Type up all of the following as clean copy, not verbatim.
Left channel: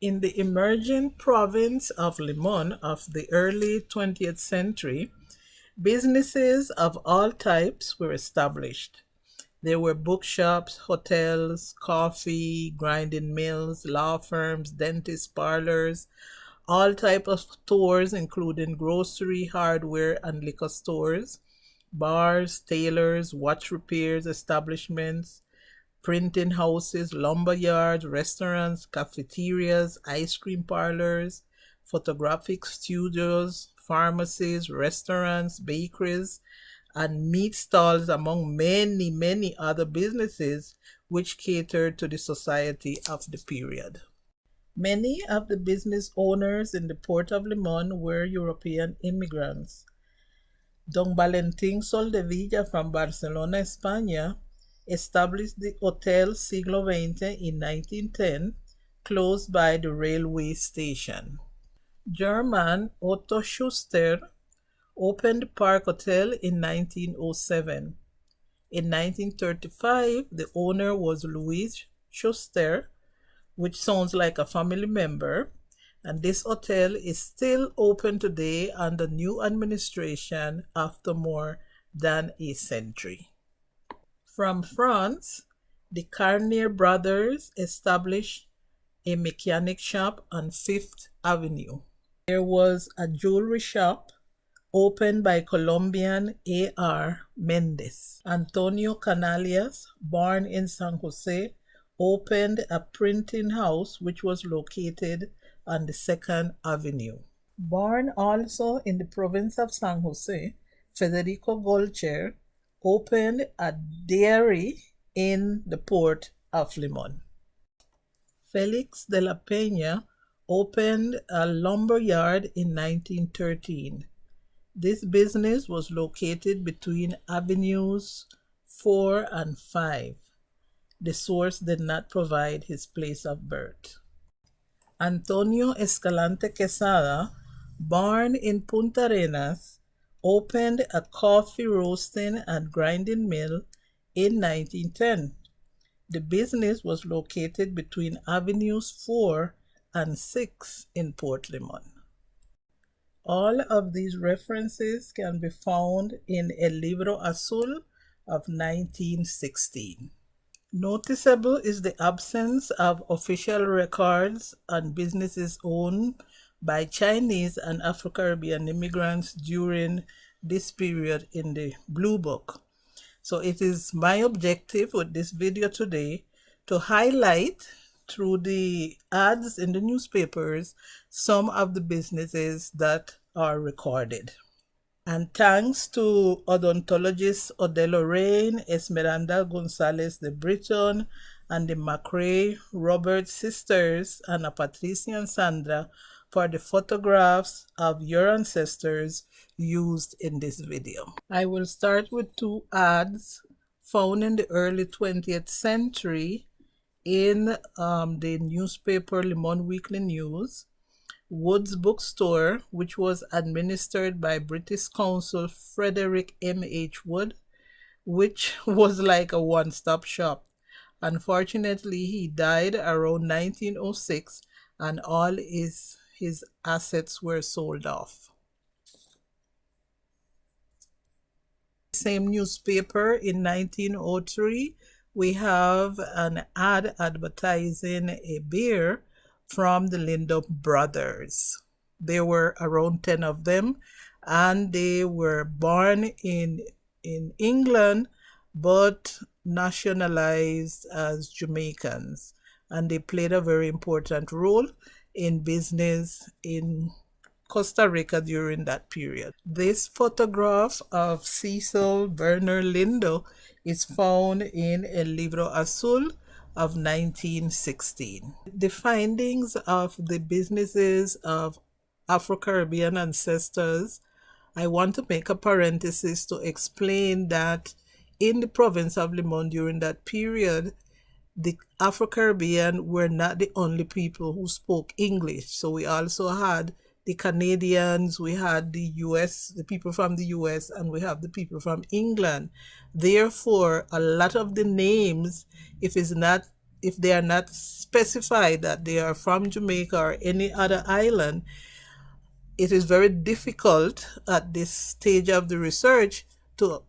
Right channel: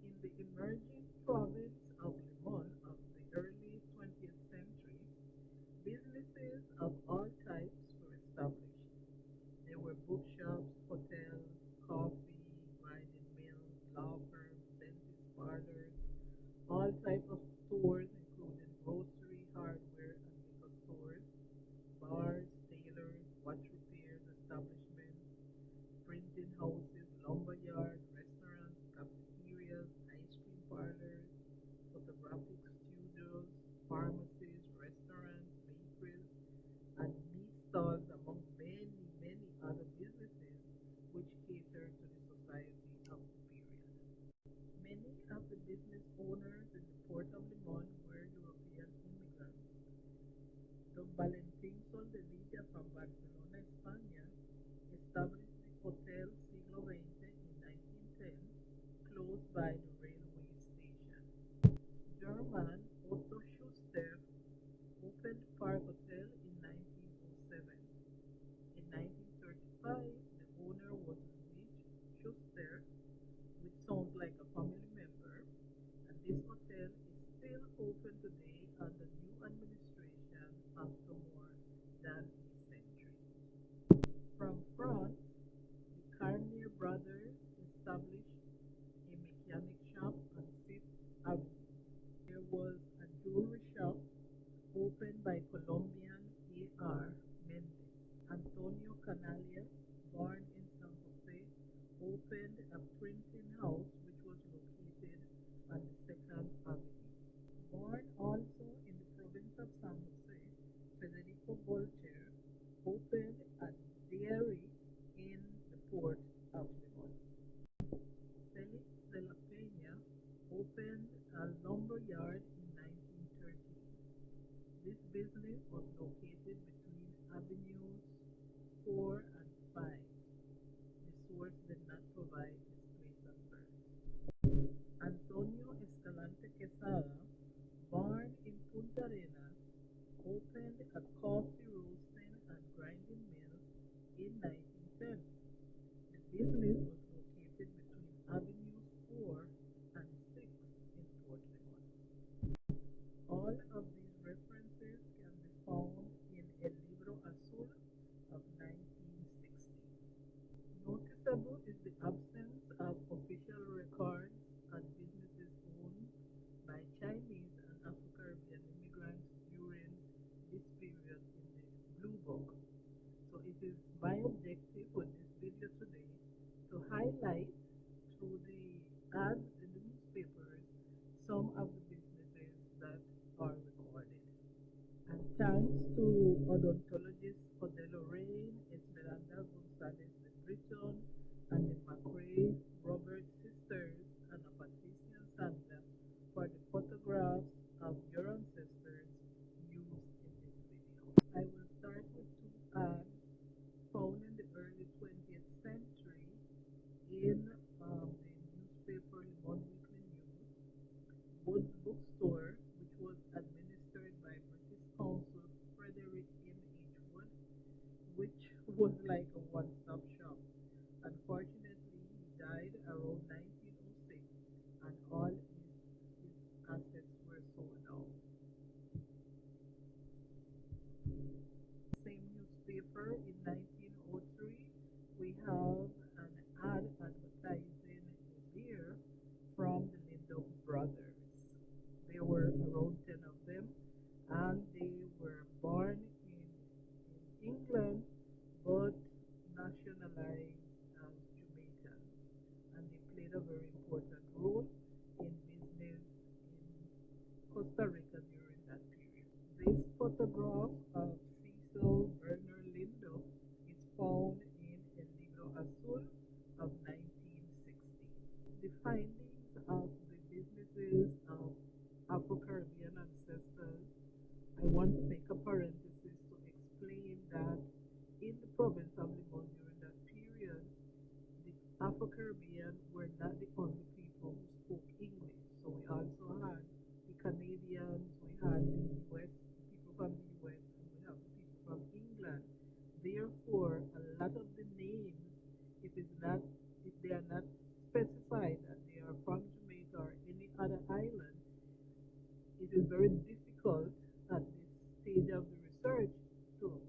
In the emerging province of Limon of the early 20th century, businesses of all types were established. There were bookshops, hotels, coffee, grinding mills, law firms, dentist parlors, all type of stores including grocery, hardware, and liquor stores, bars, tailors, watch repairs establishments, printing houses, lumber yards, restaurants, cafeterias, ice cream parlors, photographic studios, pharmacies, restaurants, bakeries, and meat stalls, among many, many other businesses which catered to the society of the period. Many of the business owners in the port of Limon were European immigrants. Don Valentín Soldevilla from Barcelona, España, established the Hotel Siglo XX in 1910, close by the railway station. German Otto Schuster opened Park Hotel in 1907. In 1935, the owner was Louis Schuster, which sounds like a family member, and this hotel is still open today under new administration after more than a century. From France, the Carnier brothers established a mechanic shop on Fifth Avenue. There was a jewelry shop opened by Colombian A.R. Mendes. Antonio Canalias, born in San Jose, opened a printing house which was located on the Second Avenue. Born also in the province of San Jose, Federico Golcher opened a dairy in the port of Limon. Felix de la Peña opened a lumber yard in 1913. This business was located between Avenues 4 and 5. The source did not provide his place of birth. Antonio Escalante Quesada, born in Punta Arenas, opened a coffee roasting and grinding mill in 1910. The business was located between Avenues 4 and 6 in Port Limon. All of these references can be found in El Libro Azul of 1916. Noticeable is the absence of official records on businesses owned by Chinese and Afro-Caribbean immigrants during this period in the Blue Book. So it is my objective with this video today to highlight through the ads in the newspapers some of the businesses that are recorded. And thanks to odontologists Odelo Rain, Esmeralda Gonzalez de Britton, and the McRae Roberts sisters, and Patricia and Sandra, for the photographs of your ancestors used in this video. I will start with two ads found in the early 20th century in the newspaper Limon Weekly News. Wood's Bookstore, which was administered by British Consul Frederick M.H. Wood, which was like a one-stop shop. Unfortunately, he died around 1906 and all his assets were sold off. Same newspaper in 1903, we have an ad advertising a beer from the Lindo brothers. There were around 10 of them, and they were born in England but nationalized as Jamaicans, and they played a very important role in business in Costa Rica during that period. This photograph of Cecil Werner Lindo is found in El Libro Azul of 1916. The findings of the businesses of Afro-Caribbean ancestors, I want to make a parenthesis to explain that in the province of Limon during that period, the Afro-Caribbean were not the only people who spoke English. So we also had the Canadians, we had the US, the people from the US, and we have the people from England. Therefore, a lot of the names, if it's not if they are not specified that they are from Jamaica or any other island, it is very difficult at this stage of the research to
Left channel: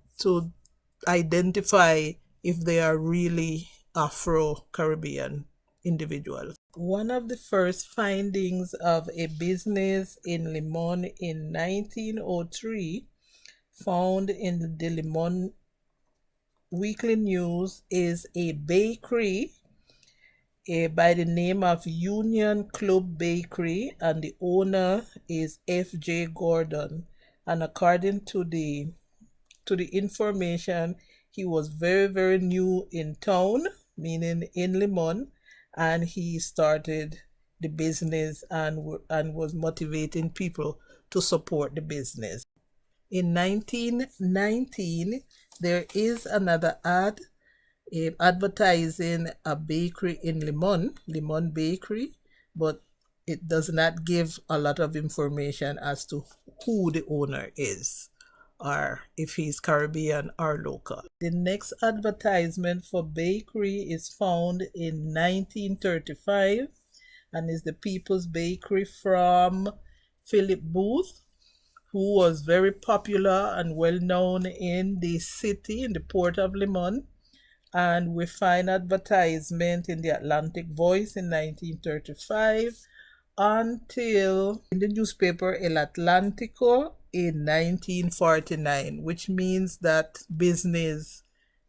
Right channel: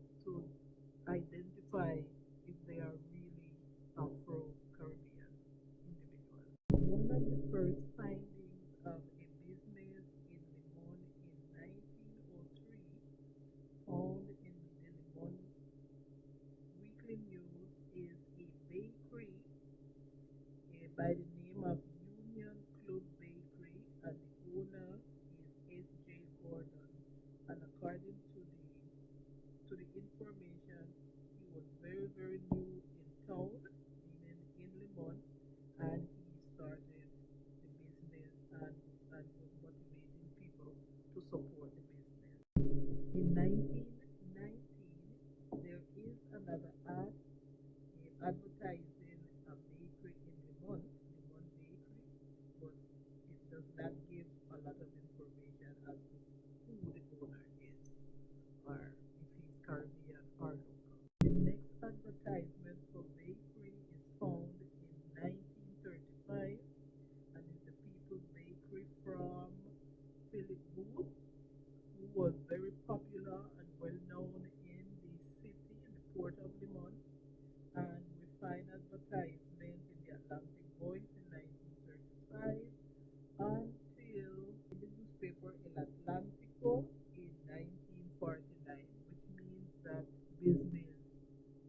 identify if they are really Afro-Caribbean individuals. One of the first findings of a business in Limon in 1903, found in the Limon Weekly News, is a bakery by the name of Union Club Bakery, and the owner is F.J. Gordon. And according to the information, he was very, very new in town, meaning in Limon, and he started the business and was motivating people to support the business. In 1919, there is another ad advertising a bakery in Limon Bakery, but it does not give a lot of information as to who the owner is or if he's Caribbean or local. The next advertisement for bakery is found in 1935 and is the People's Bakery from Philip Booth, who was very popular and well known in the city, in the port of Limon. And we find advertisement in the Atlantic Voice in 1935 until in the newspaper El Atlántico in 1949, which means that business,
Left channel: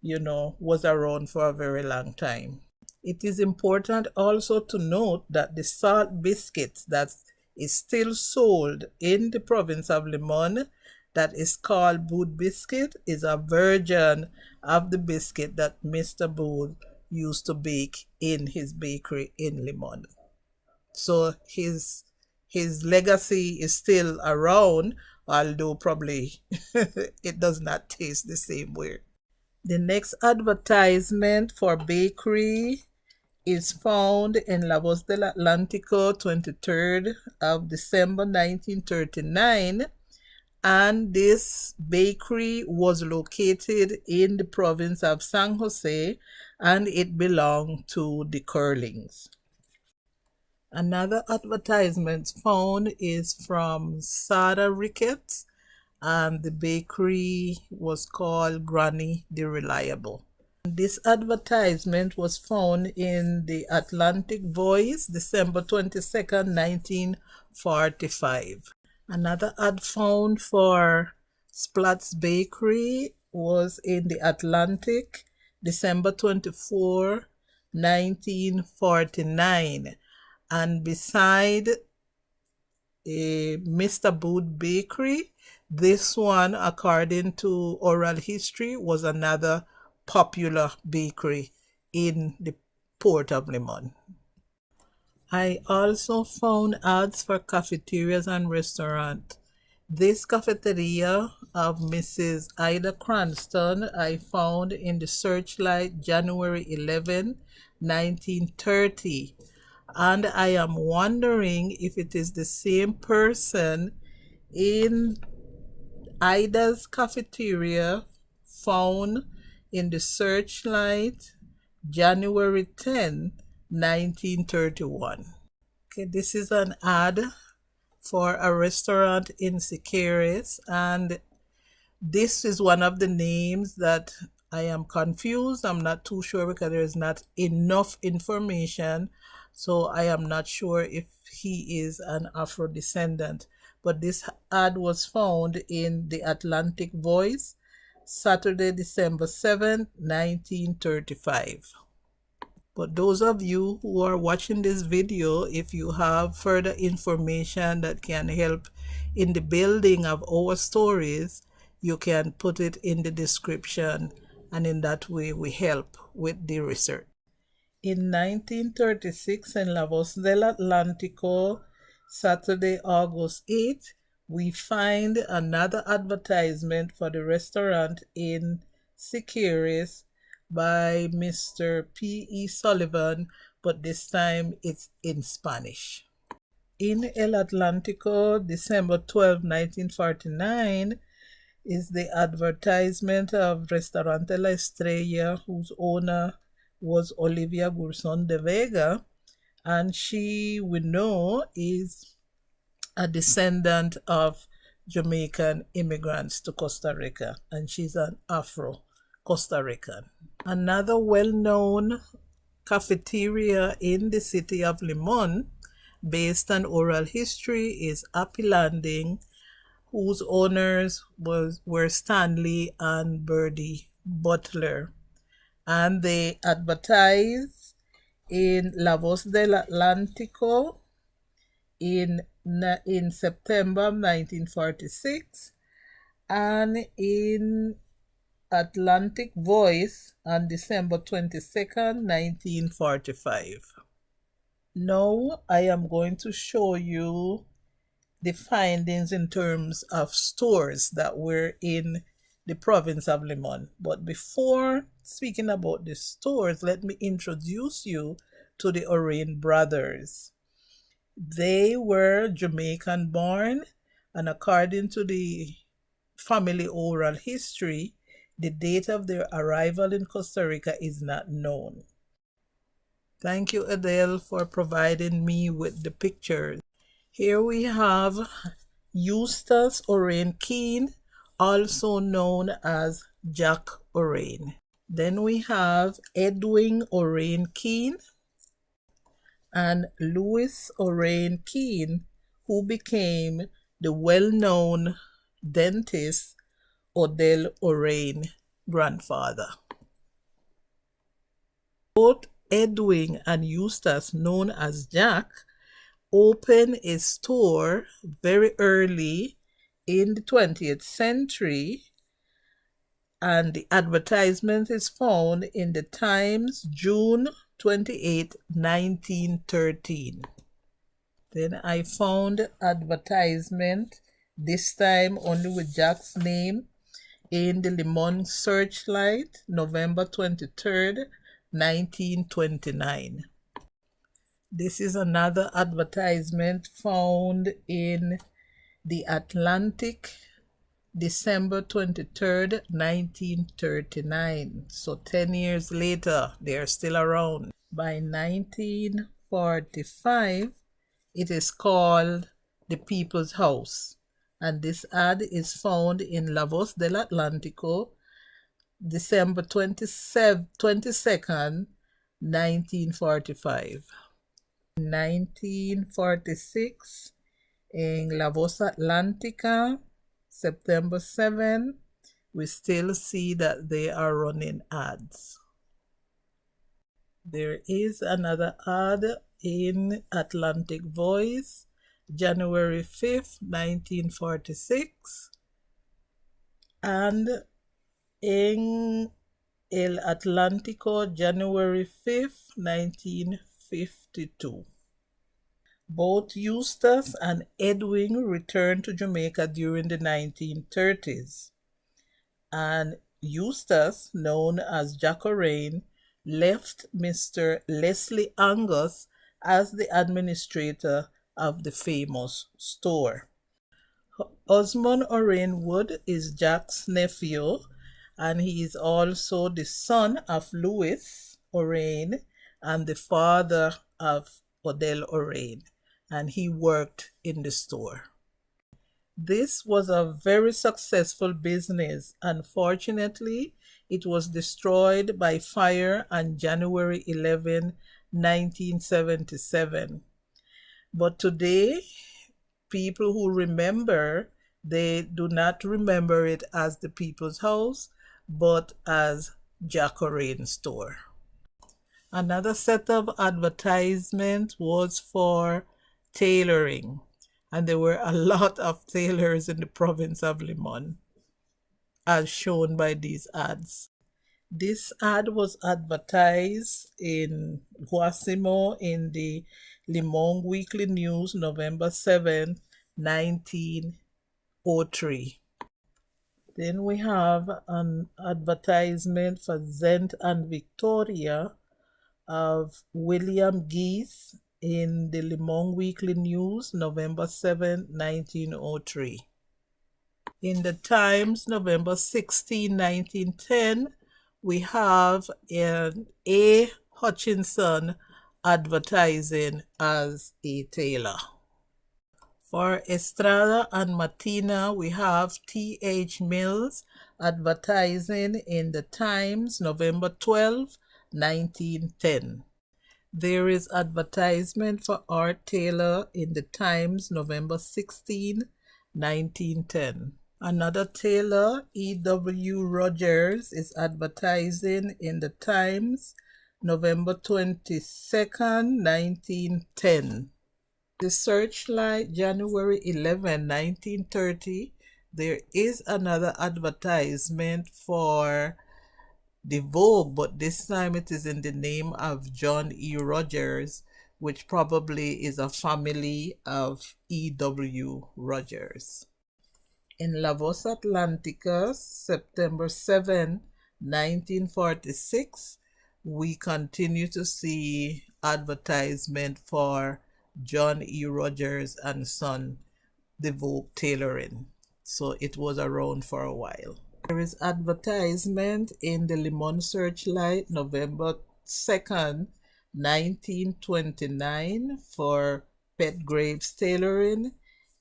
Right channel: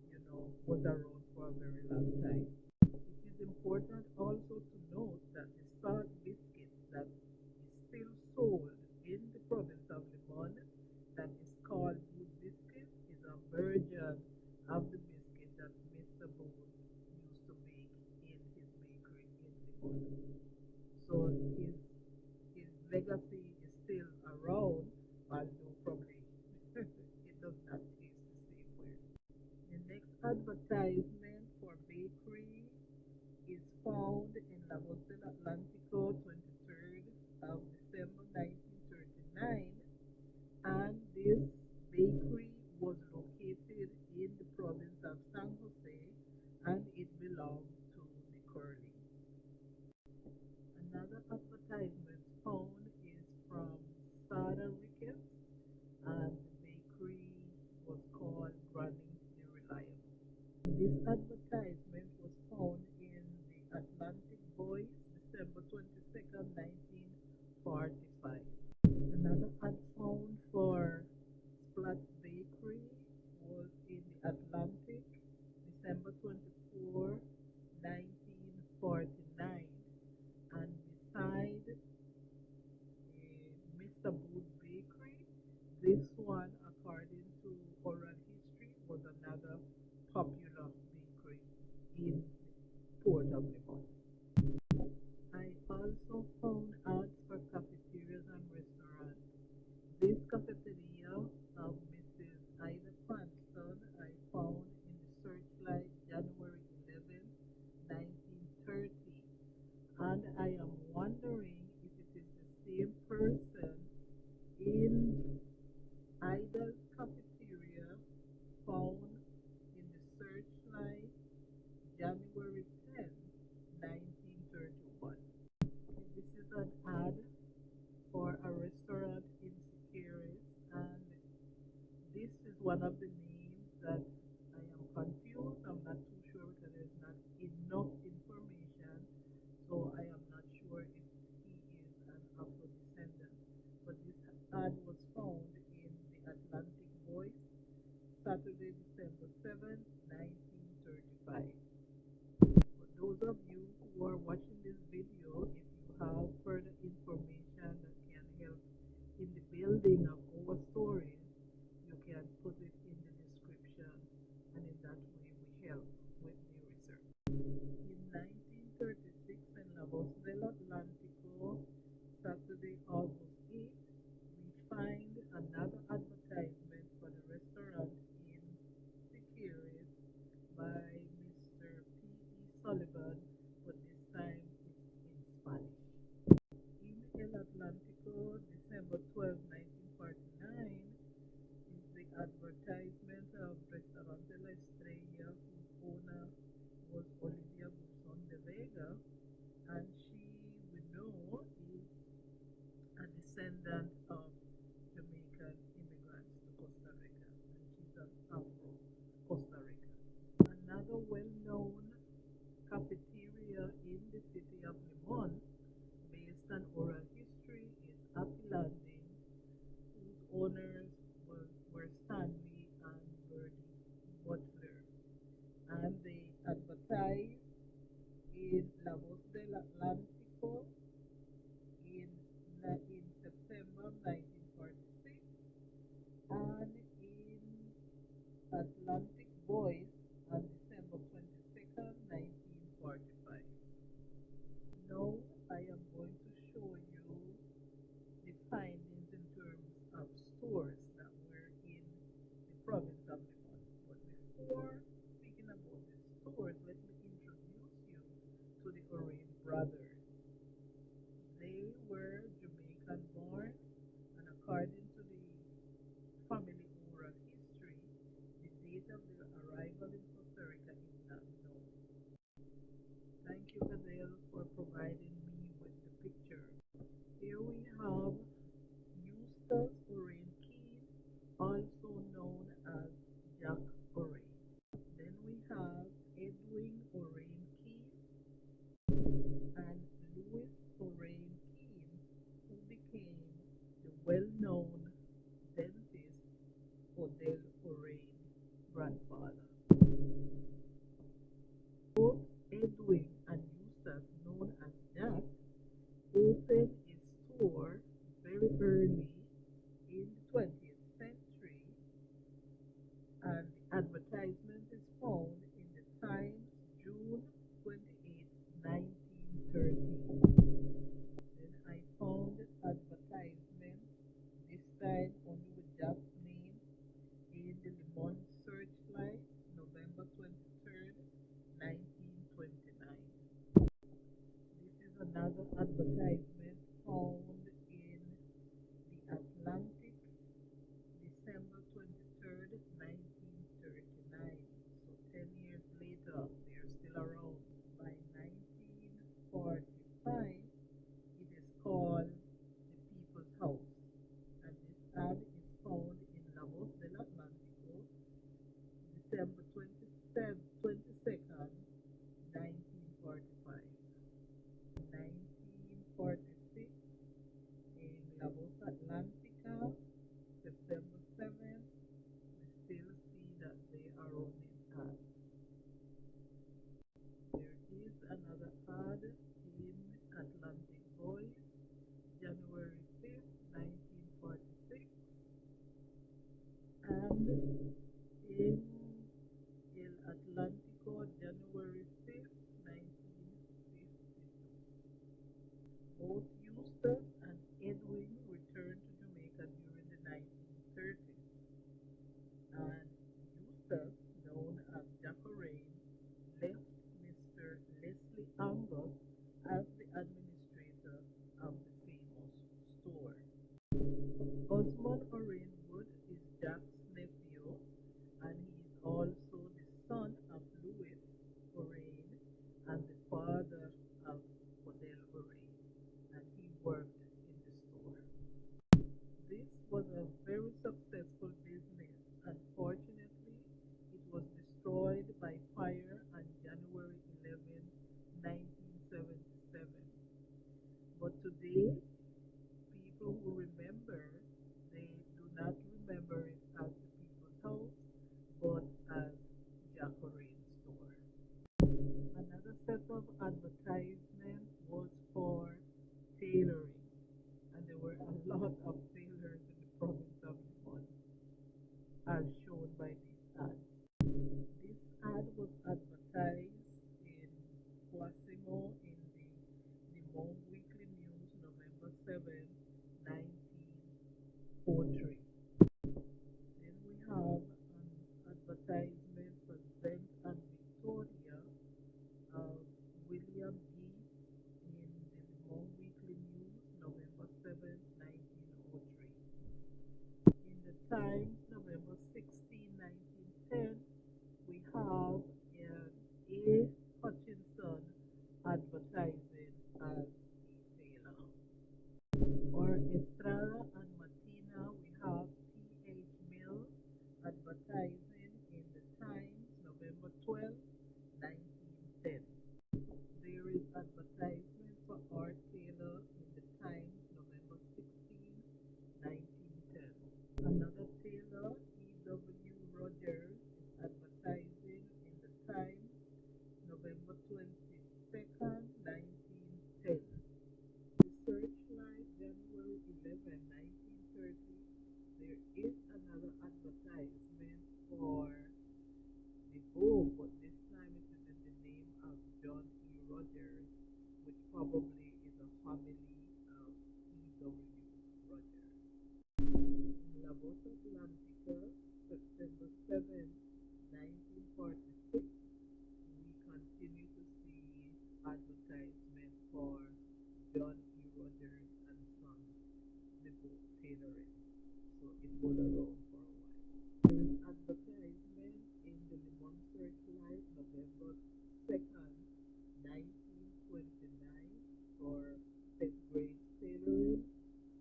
was around for a very long time. It is important also to note that the salt biscuits that is still sold in the province of Limon, that is called Booth biscuit, is a version of the biscuit that Mr. Booth used to bake in his bakery in Limon. So his legacy is still around, although probably it does not taste the same way. The next advertisement for bakery is found in La Voz del Atlántico, 23rd of December 1939, and this bakery was located in the province of San Jose, and it belonged to the Curlings. Another advertisement found is from Sada Ricketts, and the bakery was called Granny the Reliable. This advertisement was found in the Atlantic Voice, December 22nd, 1945. Another ad found for Splat's Bakery was in the Atlantic, December 24, 1949. And beside Mr. Booth Bakery, this one, according to oral history, was another popular bakery in the port of Limon. I also found ads for cafeterias and restaurants. This cafeteria of Mrs. Ida Cranston I found in the Searchlight, January 11, 1930. And I am wondering if it is the same person in Ida's cafeteria found in the Searchlight, January 10, 1931. Okay, this is an ad for a restaurant in Siquirres, and this is one of the names that I am confused. I'm not too sure because there is not enough information, so I am not sure if he is an Afro descendant. But this ad was found in the Atlantic Voice, Saturday, December 7th, 1935. But those of you who are watching this video, if you have further information that can help in the building of our stories, you can put it in the description, and in that way we help with the research. In 1936 in La Voz del Atlántico, Saturday, August 8th, we find another advertisement for the restaurant in Siquirres by Mr. P.E. Sullivan, but this time it's in Spanish. In El Atlántico, December 12, 1949, is the advertisement of Restaurante La Estrella, whose owner was Olivia Gurson de Vega, and she, we know, is a descendant of Jamaican immigrants to Costa Rica, and she's an Afro-Costa Rican. Another well-known cafeteria in the city of Limon, based on oral history, is Happy Landing, whose owners were Stanley and Birdie Butler. And they advertised in La Voz del Atlántico in September 1946 and in Atlantic Voice on December 22nd, 1945. Now I am going to show you the findings in terms of stores that were in the province of Limon. But before speaking about the stores, let me introduce you to the Orain brothers. They were Jamaican born, and according to the family oral history, the date of their arrival in Costa Rica is not known. Thank you, Adele, for providing me with the pictures. Here we have Eustace Orain Keene, also known as Jack Orain. Then we have Edwin Orain Keene and Louis Orain Keene, who became the well-known dentist Odell Orain grandfather. Both Edwin and Eustace, known as Jack, opened a store very early in the 20th century, and the advertisement is found in the Times, June 28, 1913. Then I found advertisement, this time only with Jack's name, in the Limon Searchlight, November 23rd, 1929. This is another advertisement found in the Atlantic, December 23rd, 1939. So 10 years later, they are still around. By 1945, it is called The People's House. And this ad is found in La Voz del Atlántico, December 22nd, 1945. In 1946, in La Voz Atlántica, September 7, we still see that they are running ads. There is another ad in Atlantic Voice, January 5th, 1946, and in El Atlántico, January 5th, 1952. Both Eustace and Edwin returned to Jamaica during the 1930s, and Eustace, known as Jack Orain, left Mr. Leslie Angus as the administrator of the famous store. Osmond Orain Wood is Jack's nephew, and he is also the son of Louis Orain and the father of Odell Orain, and he worked in the store. This was a very successful business. Unfortunately, it was destroyed by fire on January 11, 1977. But today, people who remember, they do not remember it as the People's House, but as Jack Orain store. Another set of advertisement was for tailoring, and there were a lot of tailors in the province of Limon, as shown by these ads. This ad was advertised in Guasimo in the Limon Weekly News, November 7, 1903. Then we have an advertisement for Zent and Victoria of William Geese in the Limon Weekly News, November 7, 1903. In the Times, November 16, 1910, we have an A. Hutchinson advertising as a tailor. For Estrada and Matina, we have T.H. Mills advertising in the Times, November 12, 1910. There is advertisement for Art Taylor in the Times, November 16, 1910. Another tailor, E.W. Rogers, is advertising in the Times, November 22, 1910. The Searchlight, January 11, 1930, there is another advertisement for the Vogue, but this time it is in the name of John E. Rogers, which probably is a family of E.W. Rogers. In La Voz Atlantica, September 7, 1946, we continue to see advertisement for John E. Rogers and Son, the Vogue tailoring. So it was around for a while. There is advertisement in the Limon Searchlight, November 2, 1929, for Pet Graves tailoring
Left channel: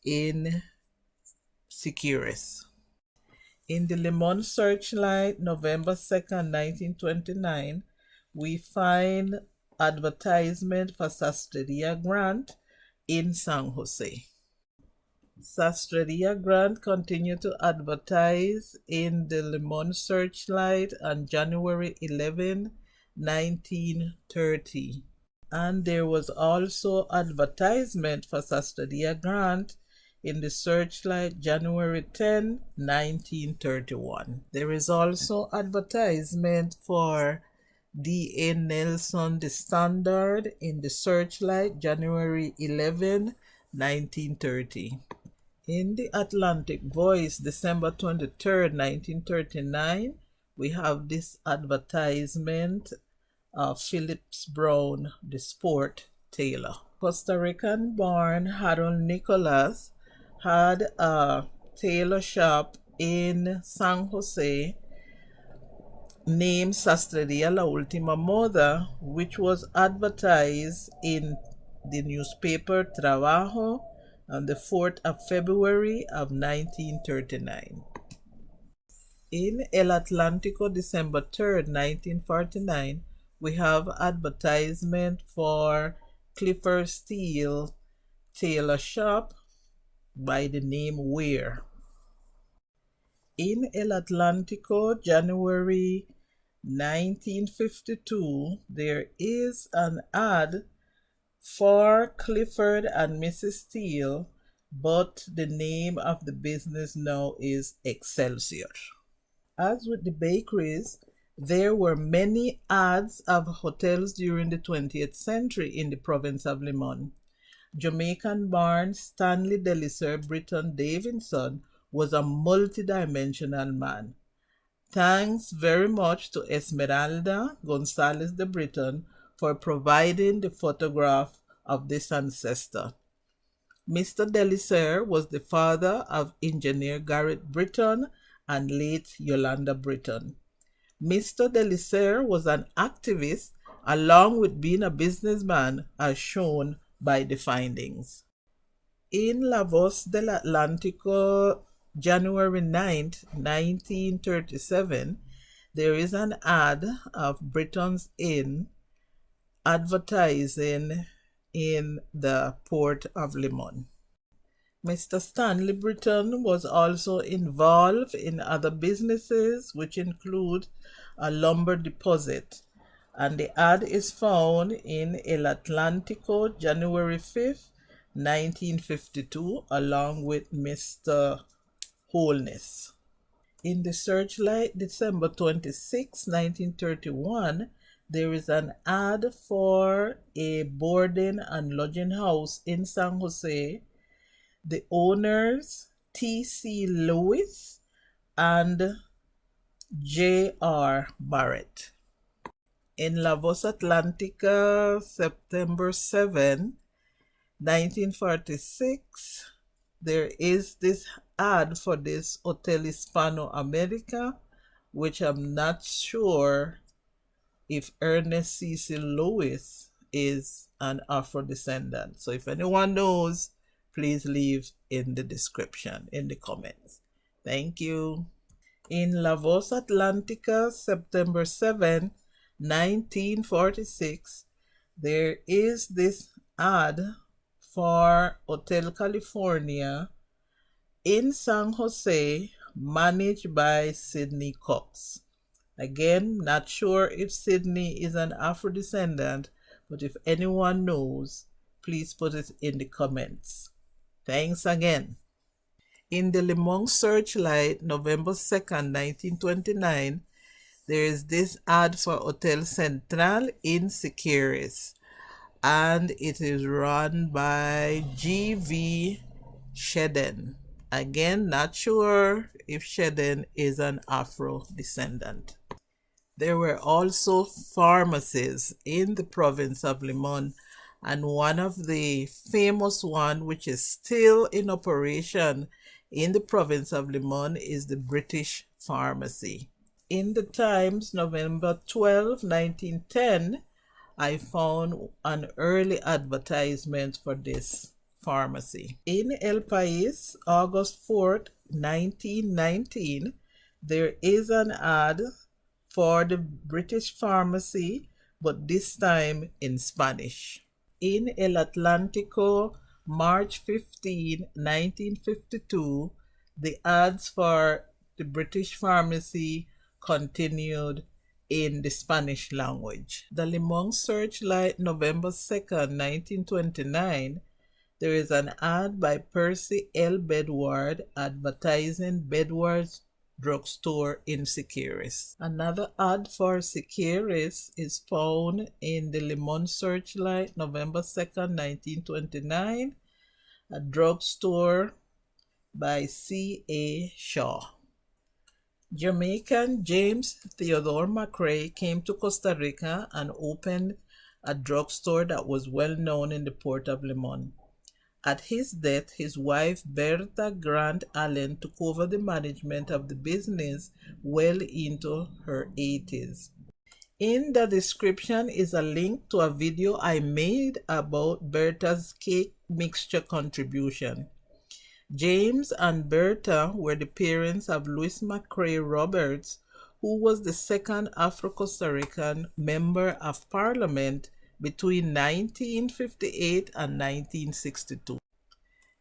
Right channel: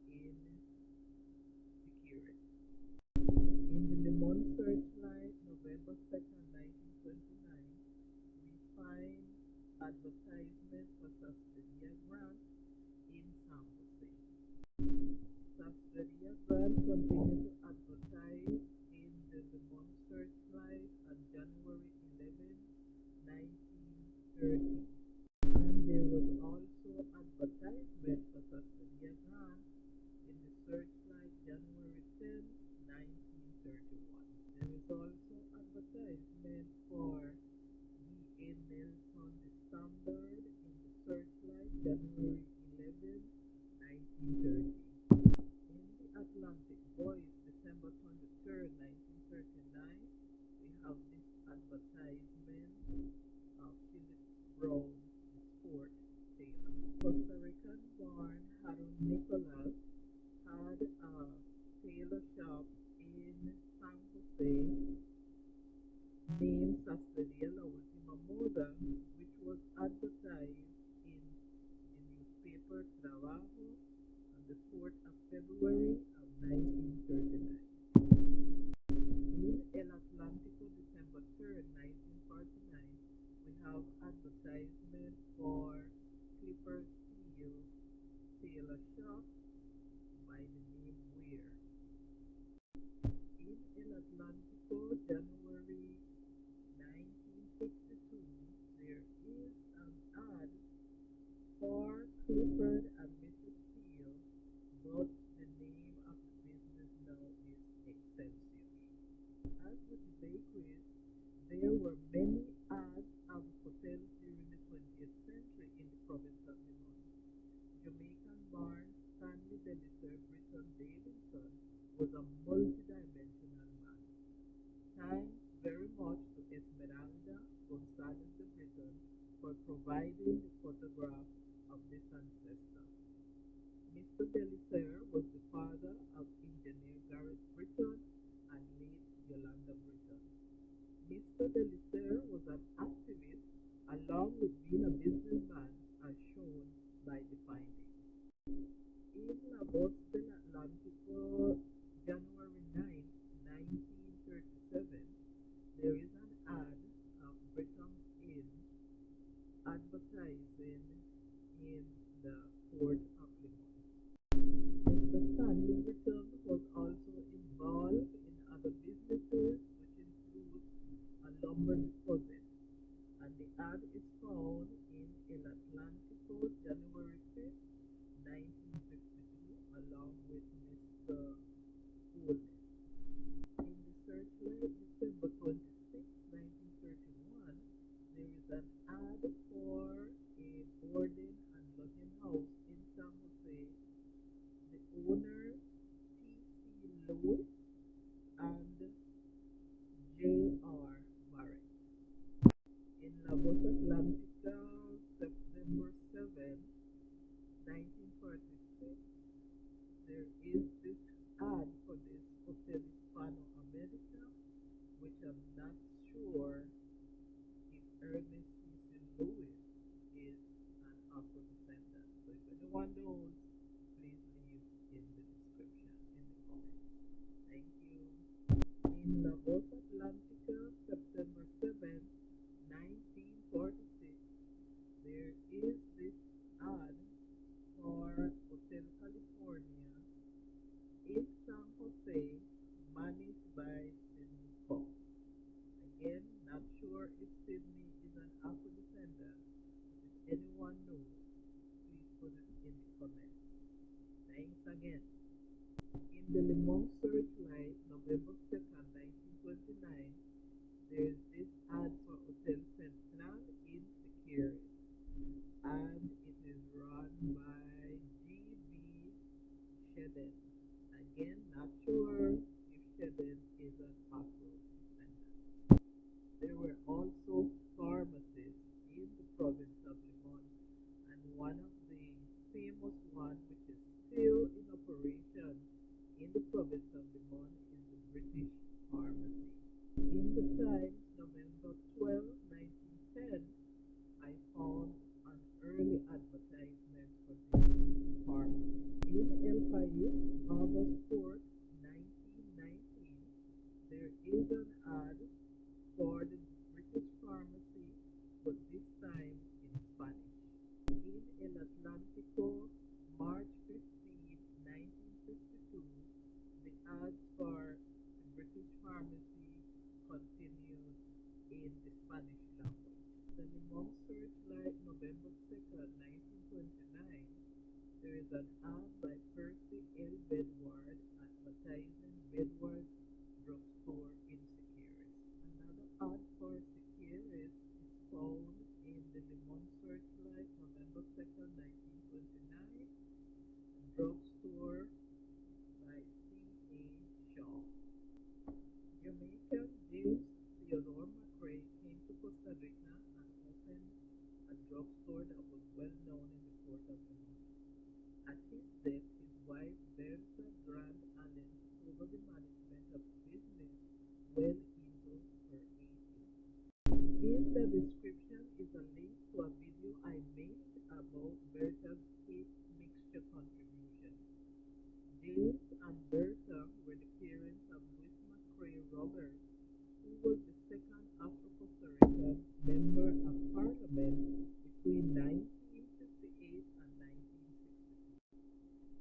in Siquirres. In the Limon Searchlight, November 2, 1929, we find advertisement for Sastreria Grant in San Jose. Sastreria Grant continued to advertise in the Limon Searchlight on January 11, 1930. And there was also advertisement for Sastreria Grant in the Searchlight, January 10, 1931. There is also advertisement for D.A. Nelson, the Standard, in the Searchlight, January 11, 1930. In the Atlantic Voice, December 23, 1939, we have this advertisement of Phillips Brown, the sport tailor. Costa Rican born Harold Nichols had a tailor shop in San Jose named Sastrería La Última Moda, which was advertised in the newspaper Trabajo on the 4th of February of 1939. In El Atlántico, December 3, 1949, we have advertisement for Clifford Steele Tailor Shop by the name Weir. In El Atlántico, January 1952, there is an ad for Clifford and Mrs. Steele, but the name of the business now is Excelsior. As with the bakeries, there were many ads of hotels during the 20th century in the province of Limon. Jamaican-born Stanley Delisser Britton Davidson was a multidimensional man. Thanks very much to Esmeralda Gonzalez de Britton for providing the photograph of this ancestor. Mr. Delisser was the father of engineer Garrett Britton and late Yolanda Britton. Mr. Delisser was an activist along with being a businessman, as shown by the findings. In La Voz del Atlántico, January 9, 1937, there is an ad of Britton's Inn advertising in the port of Limon. Mr. Stanley Britton was also involved in other businesses, which include a lumber deposit, and the ad is found in El Atlántico, January 5th, 1952, along with Mr. Holness. In the Searchlight, December 26, 1931, there is an ad for a boarding and lodging house in San Jose. The owners, T.C. Lewis and J.R. Barrett. In La Voz Atlantica, September 7, 1946, there is this ad for this Hotel Hispano America which I'm not sure if Ernest Cecil Lewis is an Afro descendant. So if anyone knows, please leave in the description, in the comments. Thank you. In La Voz Atlantica, September 7, 1946, there is this ad for Hotel California in San Jose, managed by Sidney Cox. Again, not sure if Sidney is an Afro descendant, but if anyone knows, please put it in the comments. Thanks again. In the Le Monde Searchlight, November 2nd, 1929, there is this ad for Hotel Central in Siquirres, and it is run by G.V. Shedden. Again, not sure if Shedden is an Afro descendant. There were also pharmacies in the province of Limon, and one of the famous one, which is still in operation in the province of Limon, is the British Pharmacy. In the Times, November 12, 1910, I found an early advertisement for this pharmacy. In El País, August 4th, 1919, there is an ad for the British Pharmacy, but this time in Spanish. In El Atlántico, March 15, 1952, the ads for the British Pharmacy continued in the Spanish language. The Le Monde Searchlight, November 2nd, 1929, there is an ad by Percy L. Bedward advertising Bedward's drugstore in Siquirres. Another ad for Siquirres is found in the Le Monde Searchlight, November 2nd, 1929, a drugstore by C.A. Shaw. Jamaican James Theodore McRae came to Costa Rica and opened a drugstore that was well known in the port of Limon. At his death, his wife Bertha Grant Allen took over the management of the business well into her 80s. In the description is a link to a video I made about Bertha's cake mixture contribution. James and Bertha were the parents of Louis McCrae Roberts, who was the second Afro-Costa Rican member of Parliament between 1958 and 1962.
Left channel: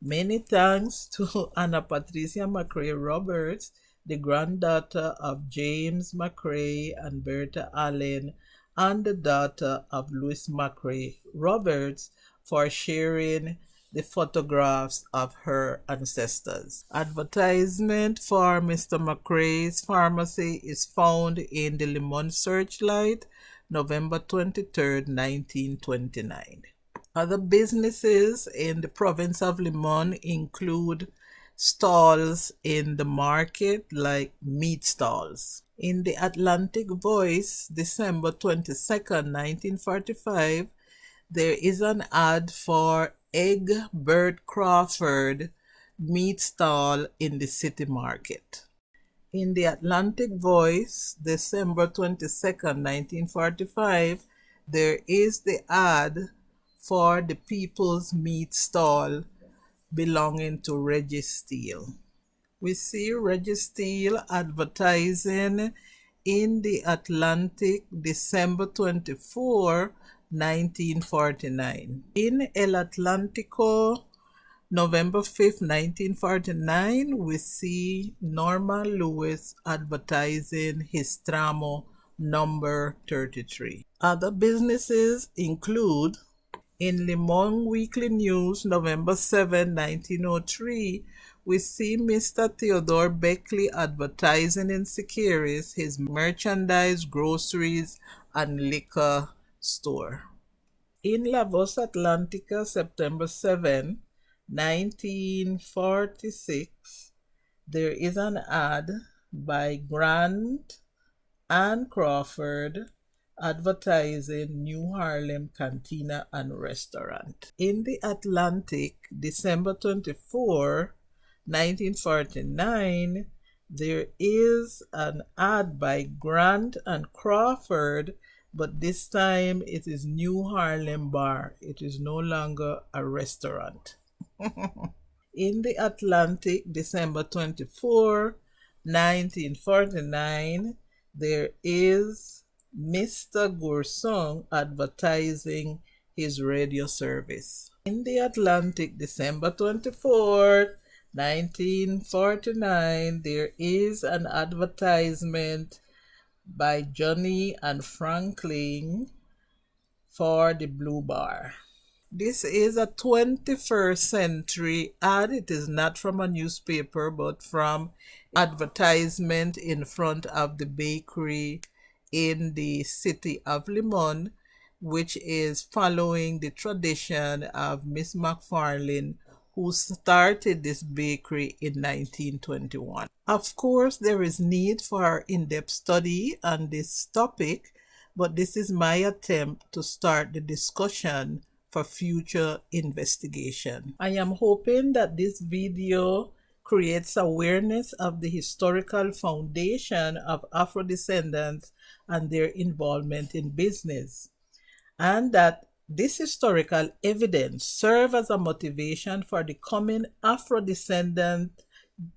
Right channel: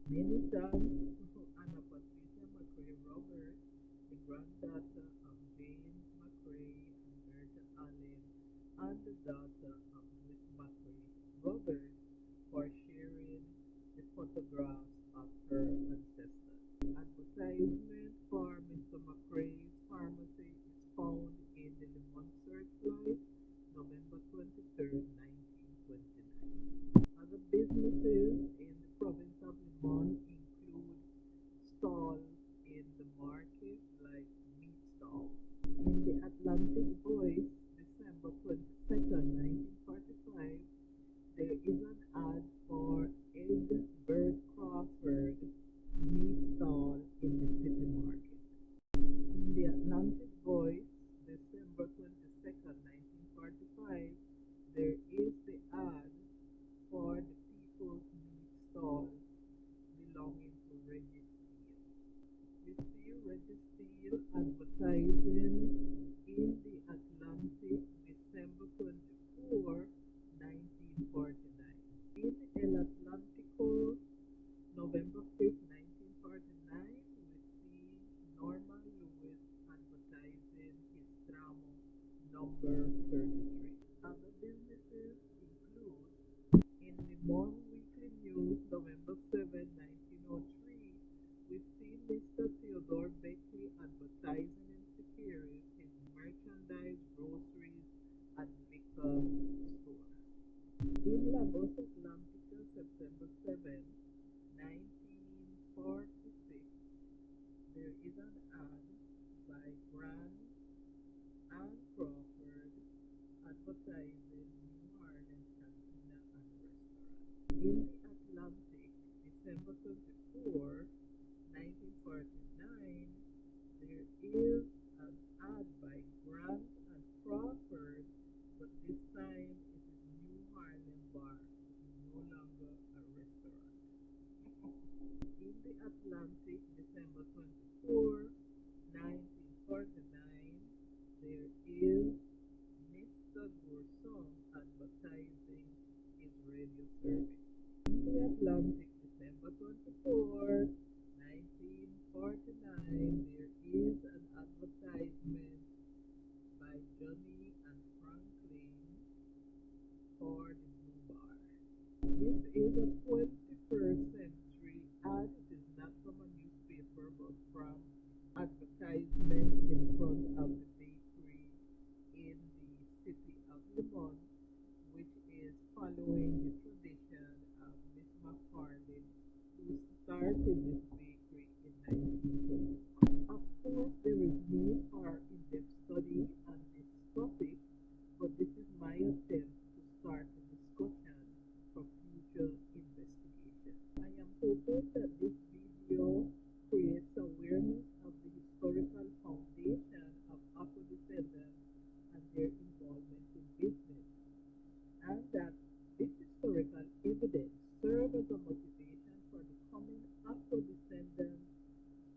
Many thanks to Anna Patricia McCrae Roberts, the granddaughter of James McCrae and Bertha Allen, and the daughter of Louis McCrae Roberts, for sharing the photographs of her ancestors. Advertisement for Mr. McCrae's pharmacy is found in the Le Monde Searchlight, November 23rd, 1929. Other businesses in the province of Limon include stalls in the market, like meat stalls. In the Atlantic Voice, December 22nd, 1945, there is an ad for Egbert Crawford meat stall in the city market. In the Atlantic Voice, December 22nd, 1945, there is the ad for the People's Meat Stall belonging to Reggie Steele. We see Reggie Steele advertising in the Atlantic, December 24, 1949. In El Atlántico, November 5th, 1949, we see Norma Lewis advertising his Tramo number 33. Other businesses include, in Limon Weekly News, November 7, 1903, we see Mr. Theodore Beckley advertising in Siquirres his merchandise, groceries, and liquor store. In La Voz Atlantica, September 7, 1946, there is an ad by Grant and Crawford advertising New Harlem Cantina and Restaurant. In the Atlantic, December 24, 1949, There is an ad by Grant and Crawford, but this time it is New Harlem Bar. It is no longer a restaurant. In the Atlantic, December 24, 1949, there is Mr. Goursong advertising his radio service. In the Atlantic, December 24th, 1949, there is an advertisement by Johnny and Franklin for the Blue Bar. This is a 21st century ad. It is not from a newspaper but from advertisement in front of the bakery in the city of Limon, which is following the tradition of Miss McFarlane, who started this bakery in 1921. Of course, there is need for in-depth study on this topic, but this is my attempt to start the discussion for future investigation. I am hoping that this video creates awareness of the historical foundation of Afro descendants and their involvement in business, and that this historical evidence serve as a motivation for the coming Afro-descendant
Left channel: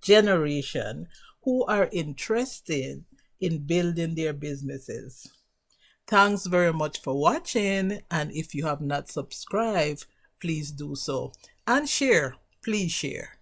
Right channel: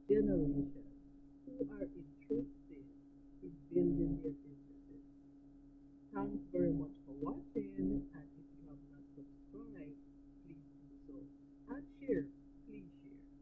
generation who are interested in building their businesses. Thanks very much for watching, and if you have not subscribed, please do so. And share, please share.